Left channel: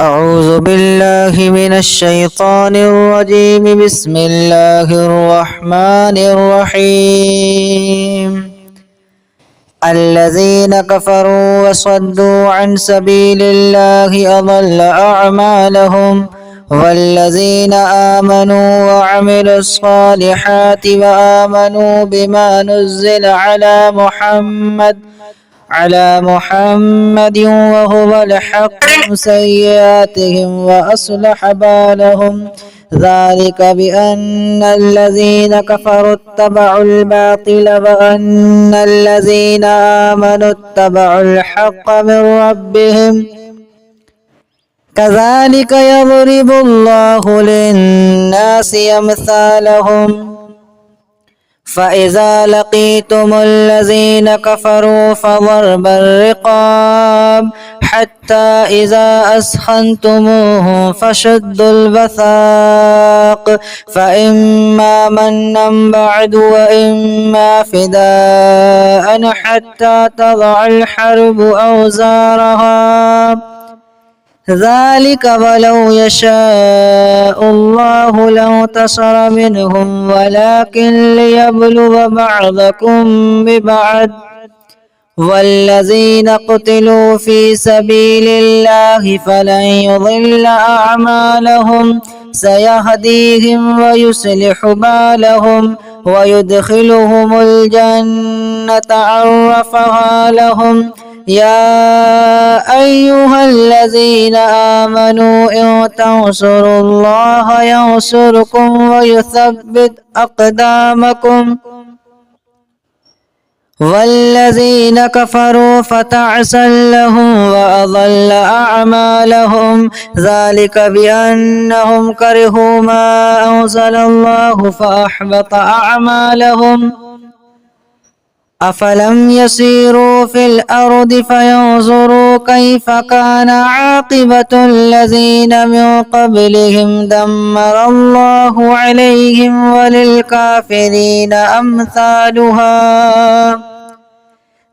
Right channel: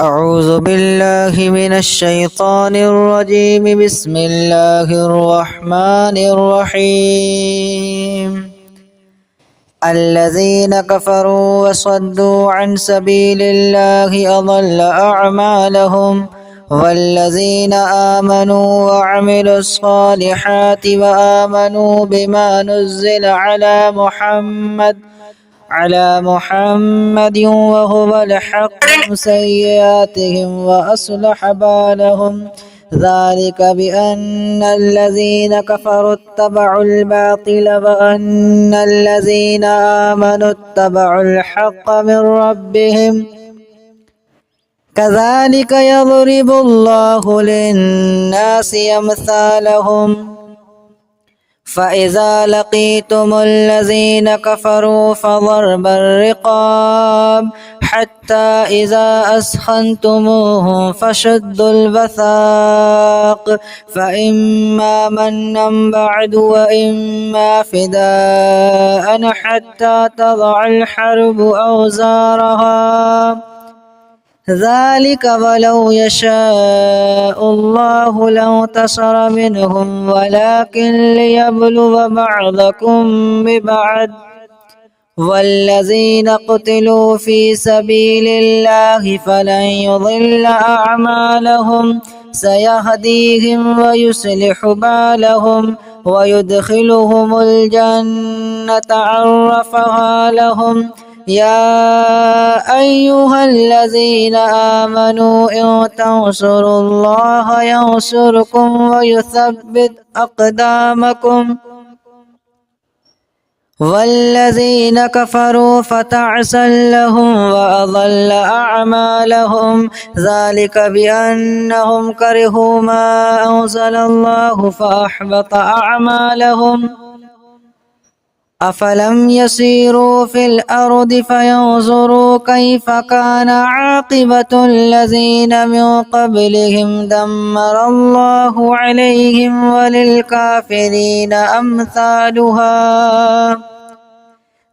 أعوذ بالله من الشيطان الرجيم. بسم الله الرحمن الرحيم. الذين كفروا وصدوا عن سبيل الله أضل أعمالهم، والذين آمنوا وعملوا الصالحات وآمنوا بما نزل على محمد وهو الحق سيئاتهم وأصلح بالهم، ذلك بأن الذين كفروا اتبعوا الباطل وأن الذين آمنوا اتبعوا الحق من ربهم، كذلك يضرب الله للناس أمثالهم. فإذا لقيتم الذين كفروا فضرب الرقاب حتى إذا أثخنتموهم فشدوا الوثاق، فإما منا بعد وإما فداء حتى تضع الحرب أوزارها، ذلك ولو يشاء الله لانتصر منهم ولكن ليبلو بعضكم ببعض، والذين قتلوا في سبيل الله فلن يضل أعمالهم، سيهديهم ويصلح بالهم ويدخلهم الجنة عرفها لهم. يا أيها الذين آمنوا إن تنصروا الله ينصركم ويثبت أقدامكم، والذين كفروا فتعسا لهم وأضل أعمالهم، ذلك بأنهم كرهوا ما أنزل الله فأحبط أعمالهم. أفلم يسيروا في الأرض فينظروا كيف كان عاقبة الذين من قبلهم، دمر الله عليهم وللكافرين أمثالها،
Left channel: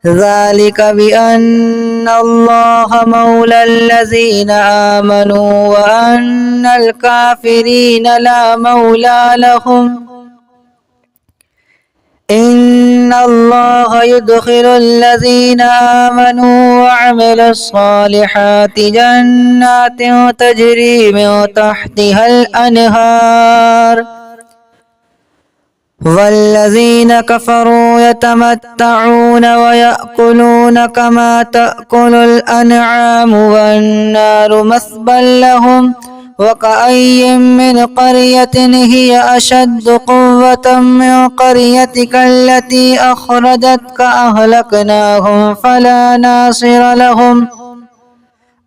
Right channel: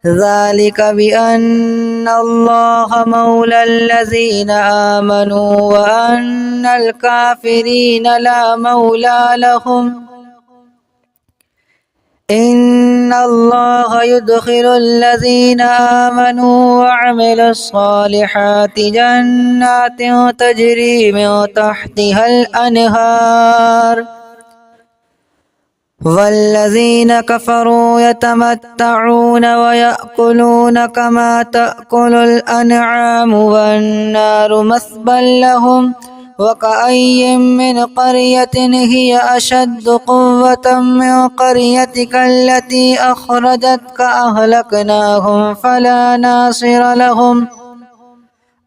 ذلك بأن الله مولى الذين آمنوا وأن الكافرين لا مولى لهم. إن الله يدخل الذين آمنوا وعملوا الصالحات جنات تجري من تحتها الأنهار، والذين كفروا يتمتعون ويأكلون كما تأكل الأنعام والنار مثوى لهم. وكأي من قرية هي أشد قوة من قريتك التي أخرجتك أهلكناهم فلا ناصر لهم.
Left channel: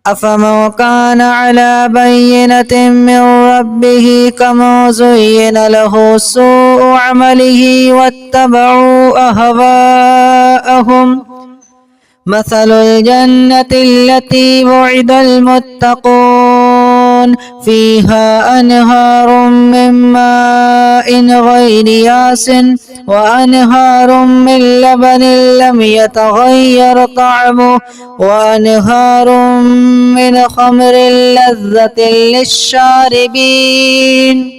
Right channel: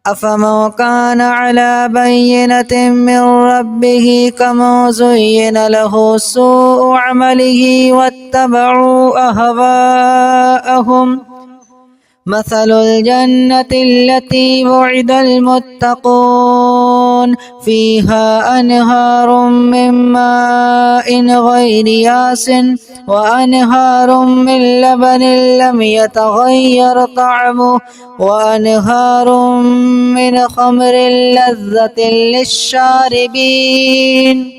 أفمن كان على بينة من ربه كمن زين له سوء عمله واتبعوا أهواءهم، مثل الجنة التي وعد المتقون فيها أنهار من ماء غير ياس وأنهار من لبن لم يتغير طعمه وأنهار من خمر لذة للشاربين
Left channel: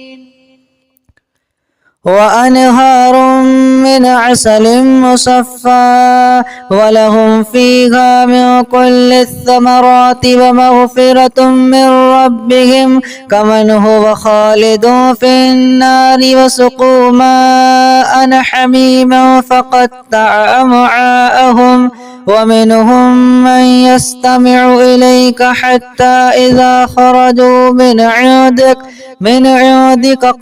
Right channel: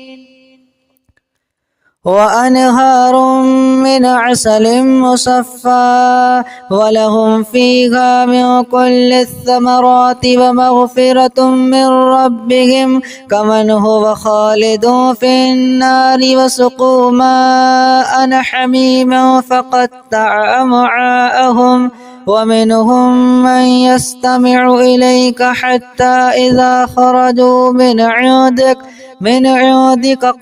وأنهار من عسل مصفى ولهم فيها من كل الثمرات ومغفرة من ربهم كمن هو خالد في النار وسقوا ماء حميما فقطع أمعاءهم. ومنهم من يستمع إليك حتى إذا خرجوا من عندك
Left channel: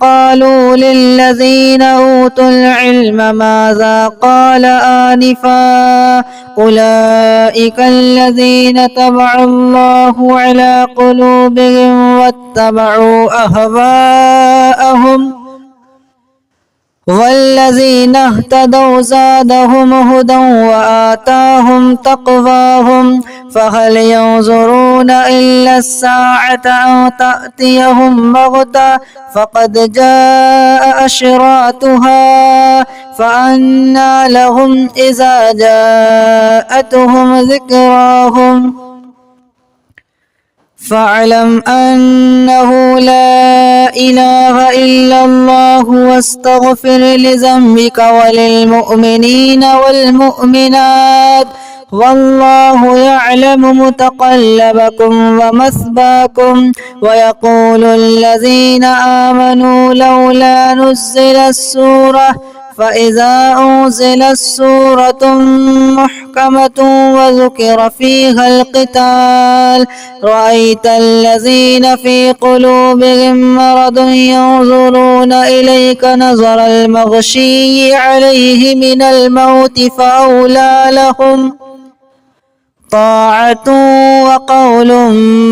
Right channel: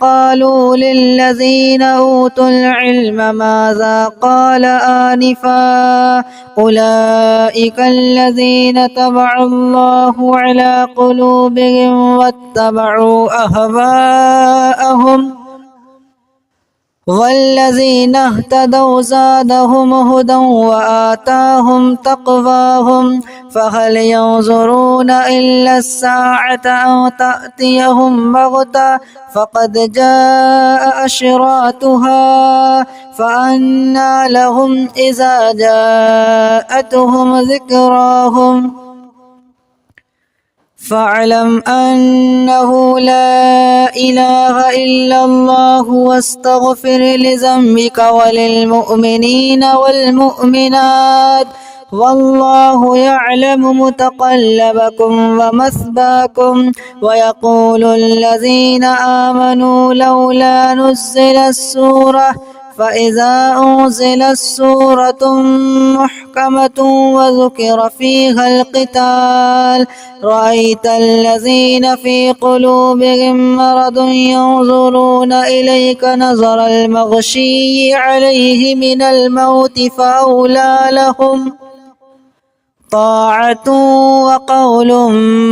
قالوا للذين أوتوا العلم ماذا قال آنفا أولئك الذين طبع الله على قلوبهم واتبعوا أهواءهم، والذين اهتدوا زادهم هدى وآتاهم تقواهم. فهل ينظرون إلا الساعة أن تأتيهم بغتة فقد جاء أشراطها فأنى لهم إذا جاءتهم ذكراهم فاعلم أنه لا إله إلا الله واستغفر لذنبك وللمؤمنين والمؤمنات والله يعلم متقلبكم ومثواكم. ويقول الذين آمنوا لولا نزلت سورة فإذا أنزلت سورة محكمة وذكر فيها القتال رأيت الذين في قلوبهم مرض ينظرون إليك نظر المغشي عليه من الموت فأولى لهم طاعة وقول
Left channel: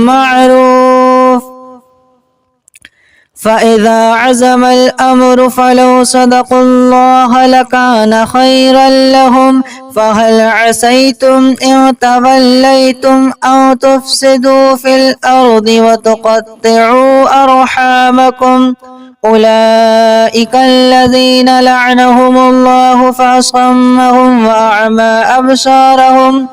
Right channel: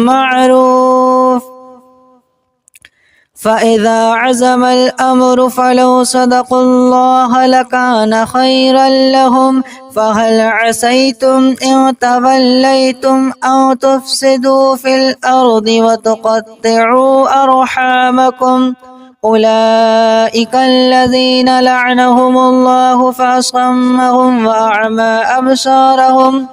معروف. فإذا عزم الأمر فلو صدقوا الله لكان خيرا لهم. فهل عسيتم إن توليتم أن تفسدوا في الأرض وتقطعوا أرحامكم أولئك الذين لعنهم الله فأصمهم وأعمى أبصارهم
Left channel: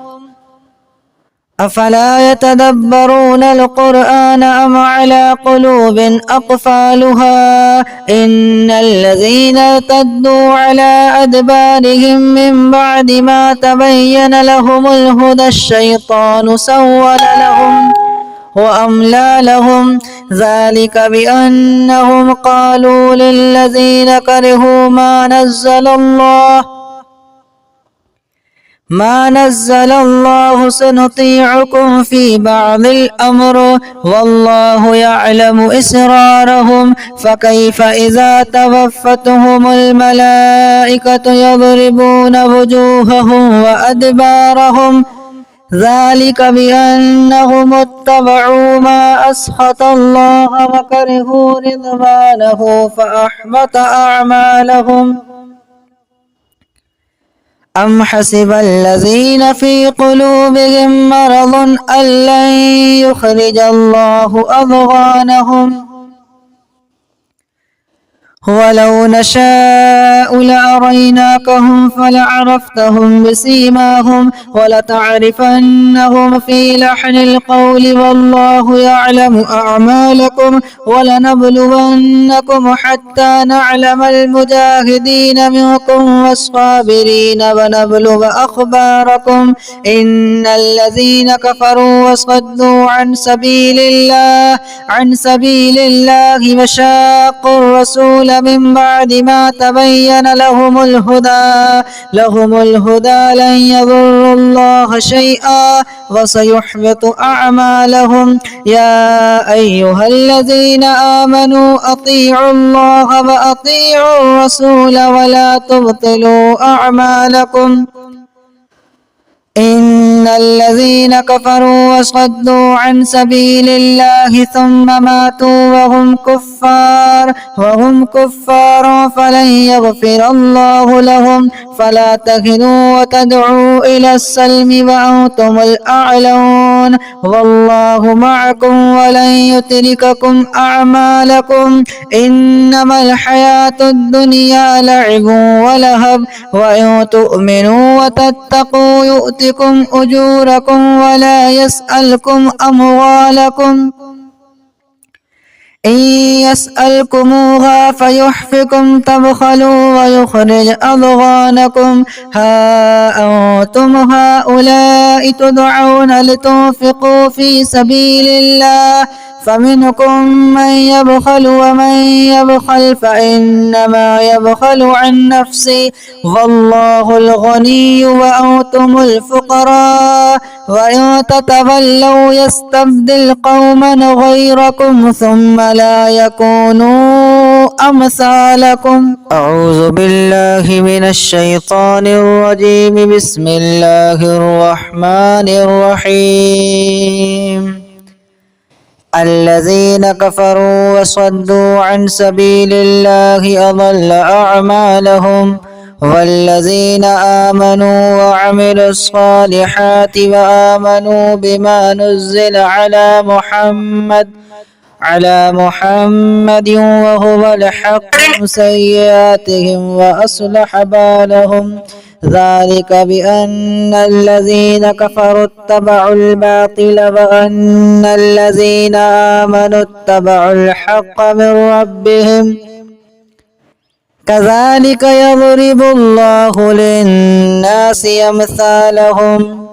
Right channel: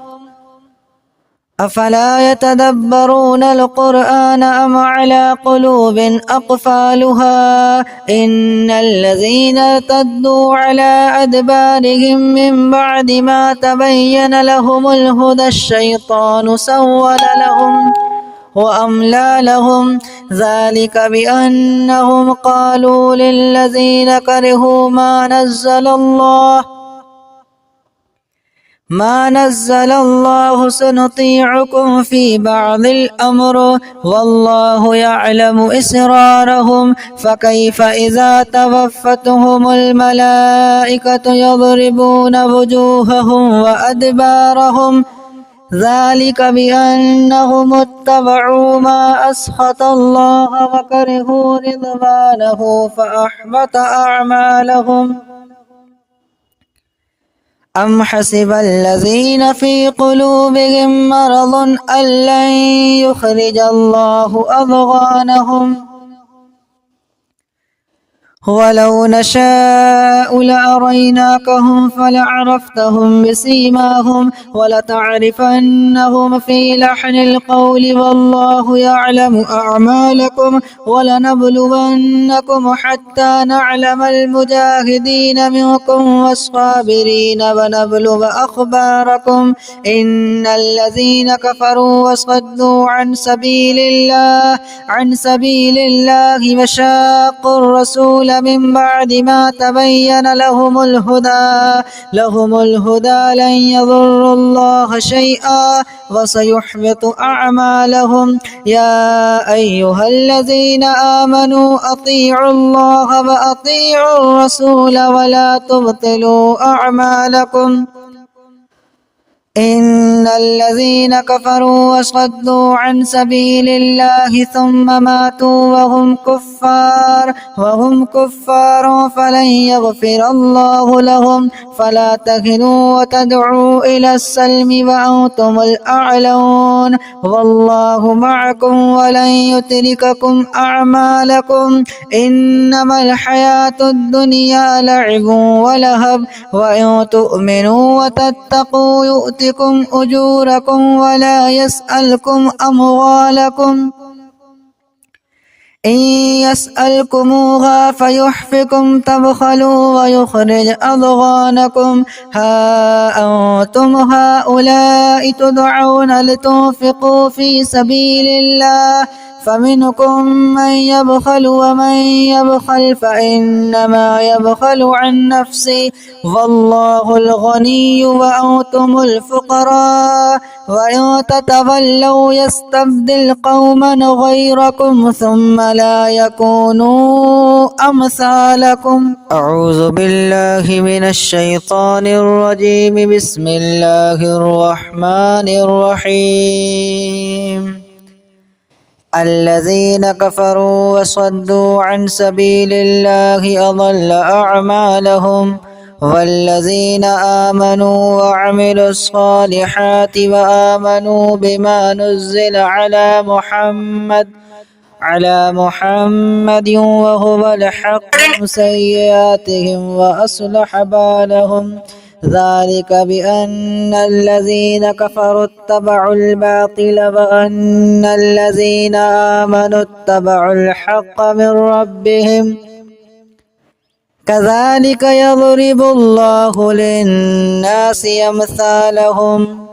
أفلا يتدبرون القرآن أم على قلوب أقفالها إن الذين ارتدوا على أدبارهم من بعد ما تبين لهم الهدى الشيطان سول لهم وأملى لهم ذلك بأنهم قالوا للذين كرهوا ما نزل الله سنطيعكم في بعض الأمر والله يعلم إسرارهم. فكيف إذا توفتهم الملائكة يضربون وجوههم وأدبارهم ذلك بأنهم اتبعوا ما أسخط الله وكرهوا رضوانه فأحبط أعمالهم. أم حسب الذين في قلوبهم مرض أن لن يخرج الله أضغانهم ولو نشاء لأريناكهم فلعرفتهم بسيماهم ولتعرفنهم في لحن القول والله يعلم أعمالكم ولنبلونكم حتى نعلم المجاهدين منكم والصابرين ونبلغ أخباركم. إن الذين كفروا وصدوا عن سبيل الله وشاقوا الرسول من بعد ما تبين لهم الهدى لن يضروا الله شيئا وسيحبط أعمالهم. يا أيها الذين آمنوا أطيعوا الله وأطيعوا الرسول ولا تبطلوا أعمالكم. إن الذين كفروا وصدوا عن سبيل الله ثم ماتوا وهم كفار فلن يغفر الله لهم. فلا تهنوا وتدعوا إلى السلم وأنتم الأعلون والله معكم ولن يترككم أعمالكم. إنما الحياة الدنيا لعب ولهب وإن تؤمنوا وتتقوا يؤتكم أجوركم ولا يسألكم أموالكم إن يسألكموها فيحفكم تبخلوا ويخرج أضغانكم. ها أنتم هؤلاء تدعون لتنفقوا في سبيل الله فمنكم من يبخل ومن يبخل فإنما يبخل عن نفسه والله الغني وأنتم الفقراء وإن تتولوا يستبدل قوما غيركم ثم لا يكونوا أمثالكم. أعوذ بالله من الشيطان الرجيم. بسم الله الرحمن الرحيم. الذين كفروا وصدوا عن سبيل الله أضل أعمالهم والذين آمنوا وعملوا الصالحات وآمنوا بما نزل على محمد وهو الحق سيئاتهم وأصلح بالهم ذلك بأن الذين كفروا اتبعوا الباطل وأن الذين آمنوا اتبعوا الحق من ربهم كذلك يضرب الله للناس أمثالهم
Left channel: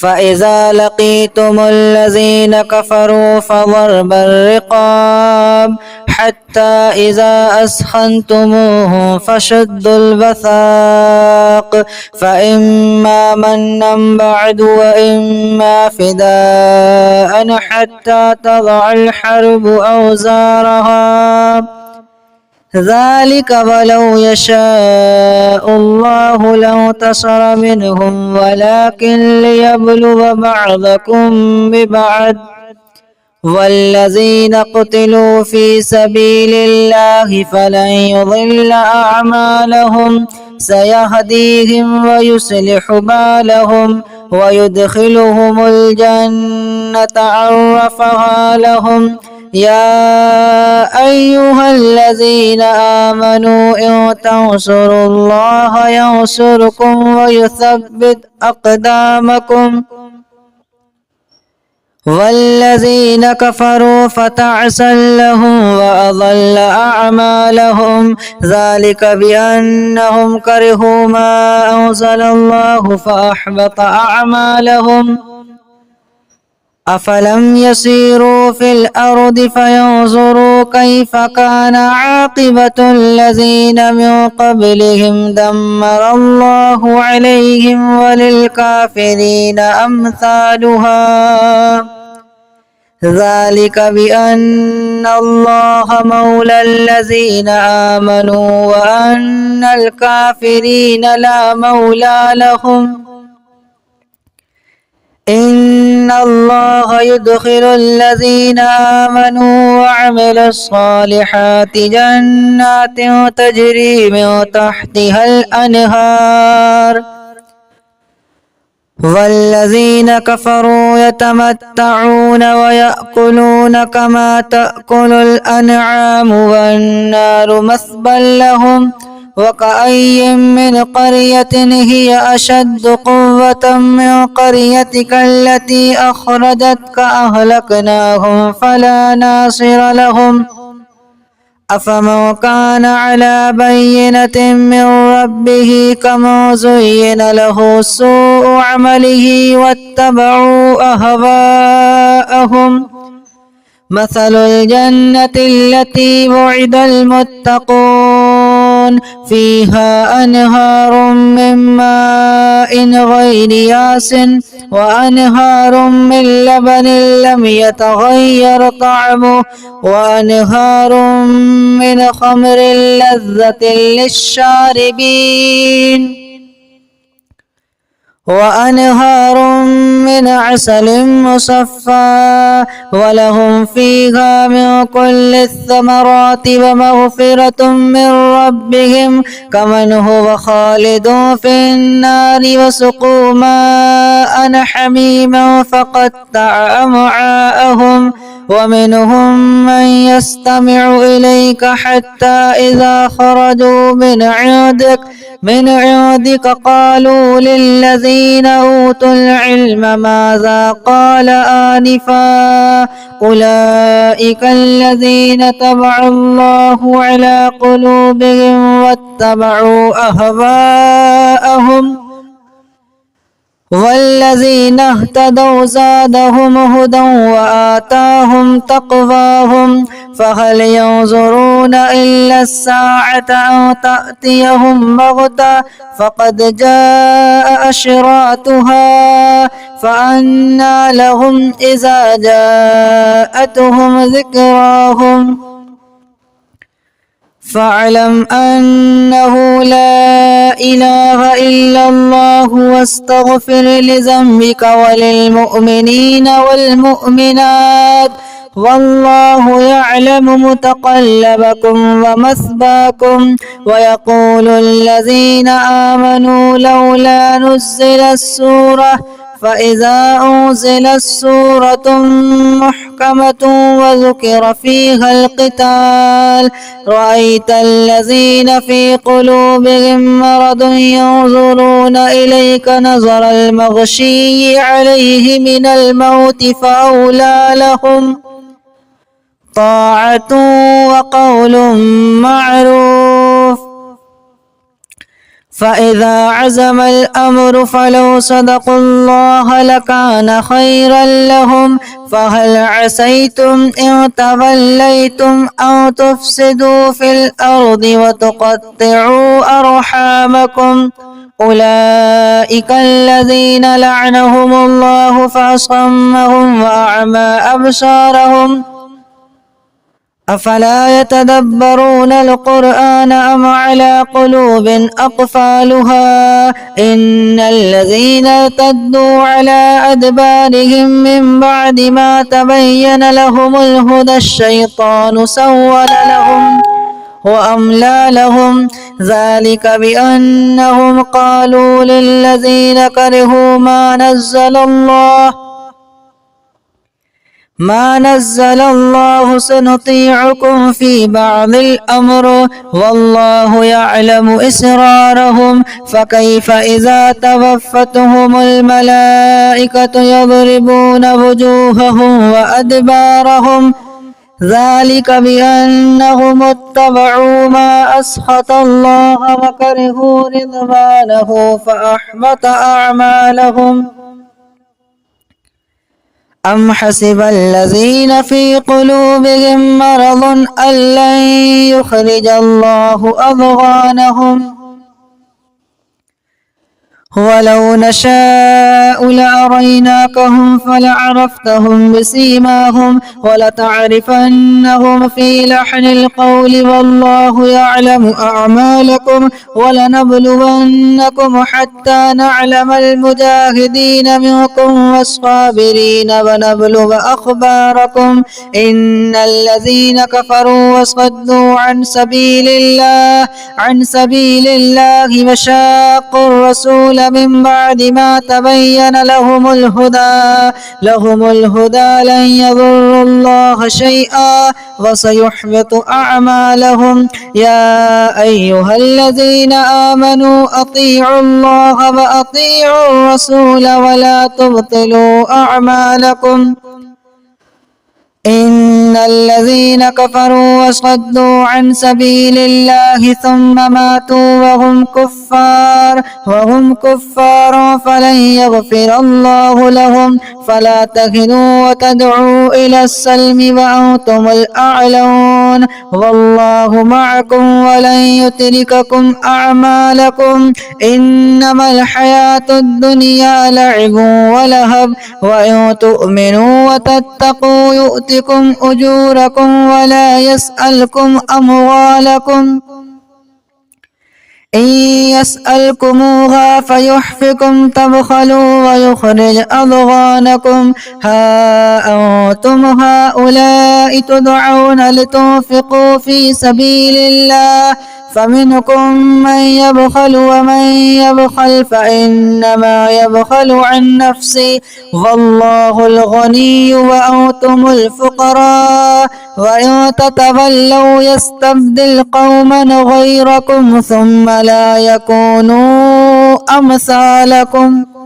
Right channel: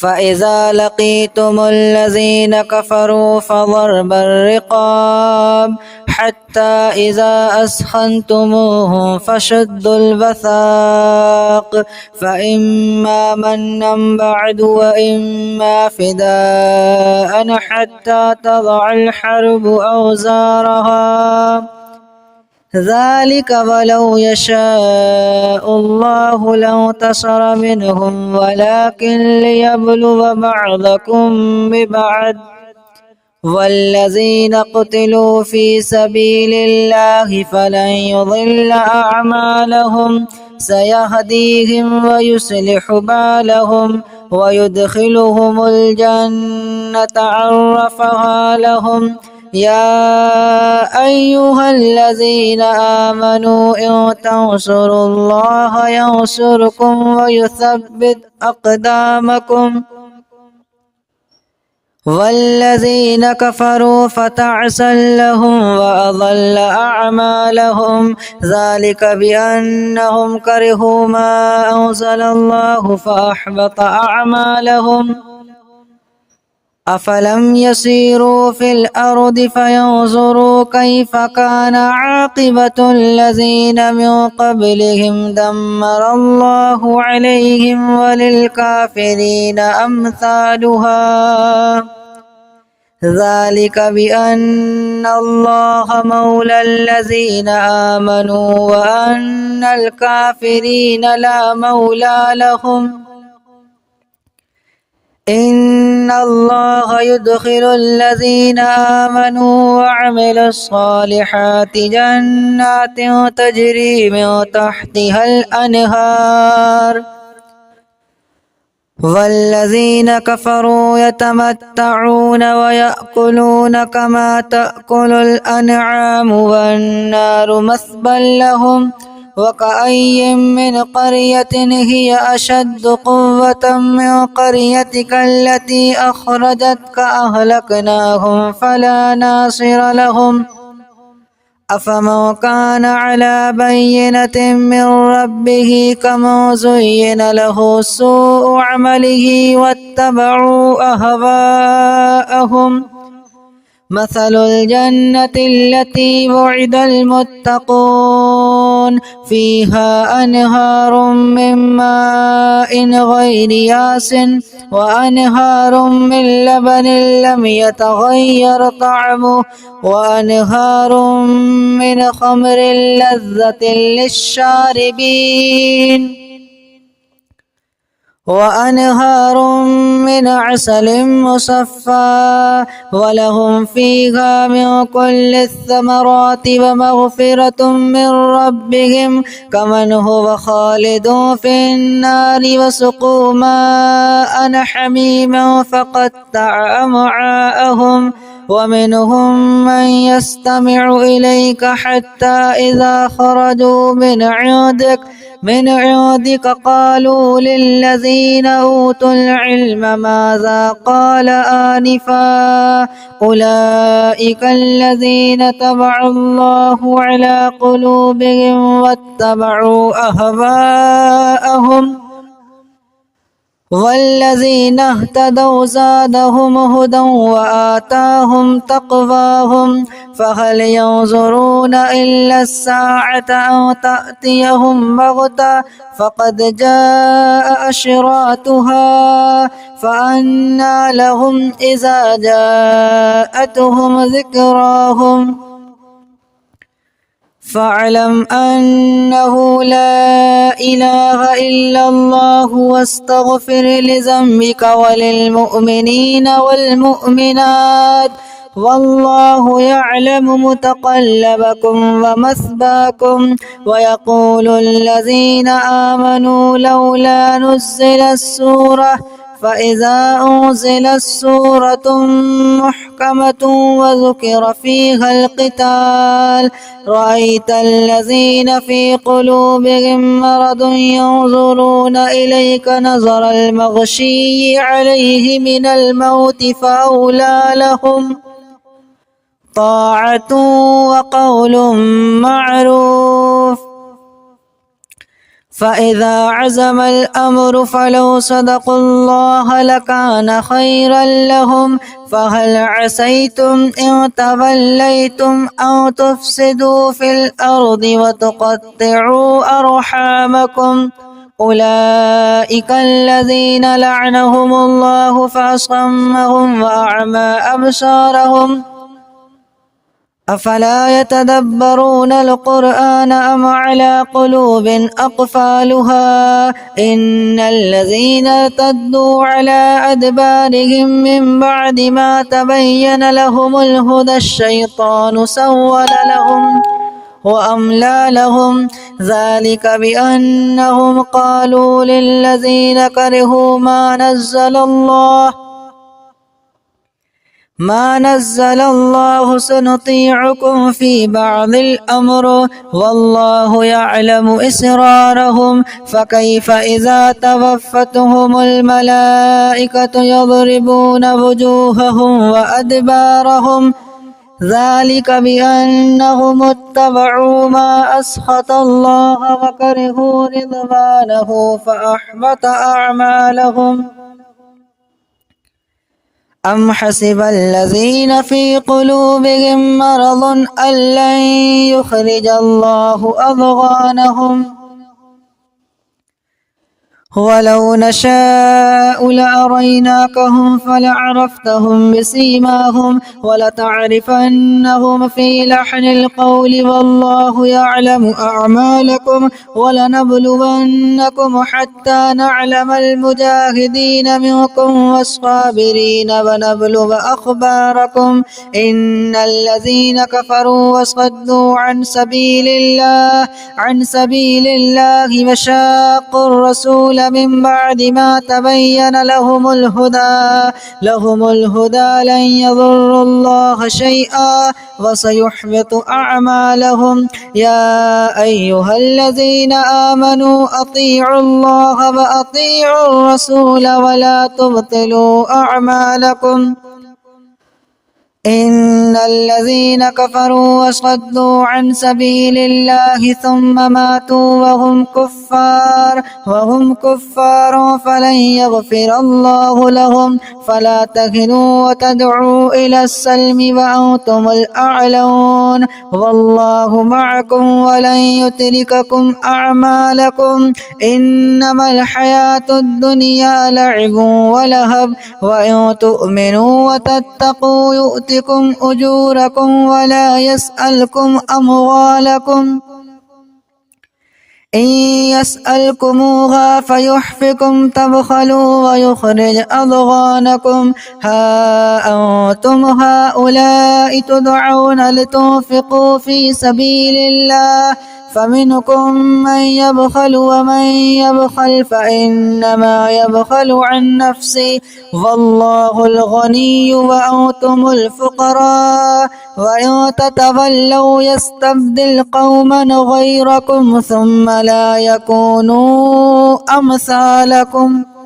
فإذا لقيتم الذين كفروا فضرب الرقاب حتى إذا أثخنتموهم فشدوا الوثاق فإما منا بعد وإما فداء حتى تضع الحرب أوزارها ذلك ولو يشاء الله لانتصر منهم ولكن ليبلو بعضكم ببعض والذين قتلوا في سبيل الله فلن يضل أعمالهم سيهديهم ويصلح بالهم ويدخلهم الجنة عرفها لهم يا أيها الذين آمنوا إن تنصروا الله ينصركم ويثبت أقدامكم والذين كفروا فتعسا لهم وأضل أعمالهم ذلك بأنهم كرهوا ما أنزل الله فأحبط أعمالهم أفلم يسيروا في الأرض فينظروا كيف كان عاقبة الذين من قبلهم دمر الله عليهم وللكافرين أمثالها ذلك بأن الله مولى الذين آمنوا وأن الكافرين لا مولى لهم إن الله يدخل الذين آمنوا وعملوا الصالحات جنات تجري من تحتها الأنهار والذين كفروا يتمتعون ويأكلون كما تأكل الأنعام والنار مثوى لهم وكأي من قرية هي أشد قوة من قريتك التي أخرجتك أهلكناهم فلا ناصر لهم أفمن كان على بينة من ربه كمن زين له سوء عمله واتبعوا أهواءهم مثل الجنة التي وعد المتقون فيها أنهار من ماء غير ياس وأنهار من لبن لم يتغير طعمه وأنهار من خمر لذة للشاربين وأنهار من عسل مصفى ولهم فيها من كل الثمرات ومغفرة من ربهم كمن هو خالد في النار وسقوا ماء حميما فقطع أمعاءهم ومنهم من يستمع إليك حتى إذا خرجوا من عندك قالوا للذين أوتوا العلم ماذا قال آنفا أولئك الذين طبع الله على قلوبهم واتبعوا أهواءهم والذين اهتدوا زادهم هدى وآتاهم تقواهم فهل ينظرون إلا الساعة أو تأتيهم بغتة فقد جاء أشراطها فأنى لهم إذا جاءتهم ذكراهم فاعلم أنه لا إله إلا الله واستغفر لذنبك وللمؤمنين والمؤمنات والله يعلم متقلبكم ومثواكم ويقول الذين آمنوا لولا نزلت السورة فإذا أنزلت سورة محكمة وذكر فيها القتال رأيت الذين في قلوبهم مرض ينظرون إليك نظر المغشي عليه من الموت فأولى لهم طاعة وقول معروف. فإذا عزم الأمر فلو صدقوا الله لكان خيرا لهم. فهل عسيتم إن توليتم أو تفسدوا في الأرض وتقطعوا أرحامكم أولئك الذين لعنهم الله فأصمهم وأعمى أبصارهم أفلا يتدبرون القرآن أم على قلوب أقفالها إن الذين ارتدوا على أدبارهم من بعد ما تبين لهم الهدى الشيطان سول لهم وأملى لهم ذلك بأنهم قالوا للذين كرهوا ما نزل الله سنطيعكم في بعض الأمر والله يعلم إسرارهم فكيف إذا توفتهم الملائكة يضربون وجوههم وأدبارهم ذلك بأنهم اتبعوا ما أسخط الله وكرهوا رضوانه فأحبط أعمالهم. أم حسب الذين في قلوبهم مرض أن لن يخرج الله أضغانهم ولو نشاء لأريناكهم فلعرفتهم بسيماهم ولتعرفنهم في لحن القول والله يعلم أعمالكم ولنبلونكم حتى نعلم المجاهدين منكم والصابرين ونبلغ أخباركم إن الذين كفروا وصدوا عن سبيل الله وشاقوا الرسول من بعد ما تبين لهم الهدى لن يضروا الله شيئا وسيحبط أعمالهم. يا أيها الذين آمنوا أطيعوا الله وأطيعوا الرسول ولا تبطلوا أعمالكم إن الذين كفروا وصدوا عن سبيل الله ثم ماتوا وهم كفار فلن يغفر الله لهم فلا تهنوا وتدعوا إلى السلم وأنتم الأعلون والله معكم ولن يترككم أعمالكم إنما الحياة الدنيا لعب ولهب وإن تؤمنوا وتتقوا يؤتكم أجوركم ولا يسألكم أموالكم إن يسألكموها فيحفكم تبخلوا ويخرج أضغانكم ها أنتم هؤلاء تدعون لتنفقوا في سبيل الله فمنكم من يبخل ومن يبخل فإنما يبخل عن نفسه والله الغني وأنتم الفقراء وإن تتولوا يستبدل قوما غيركم ثم لا يكونوا أمثالكم.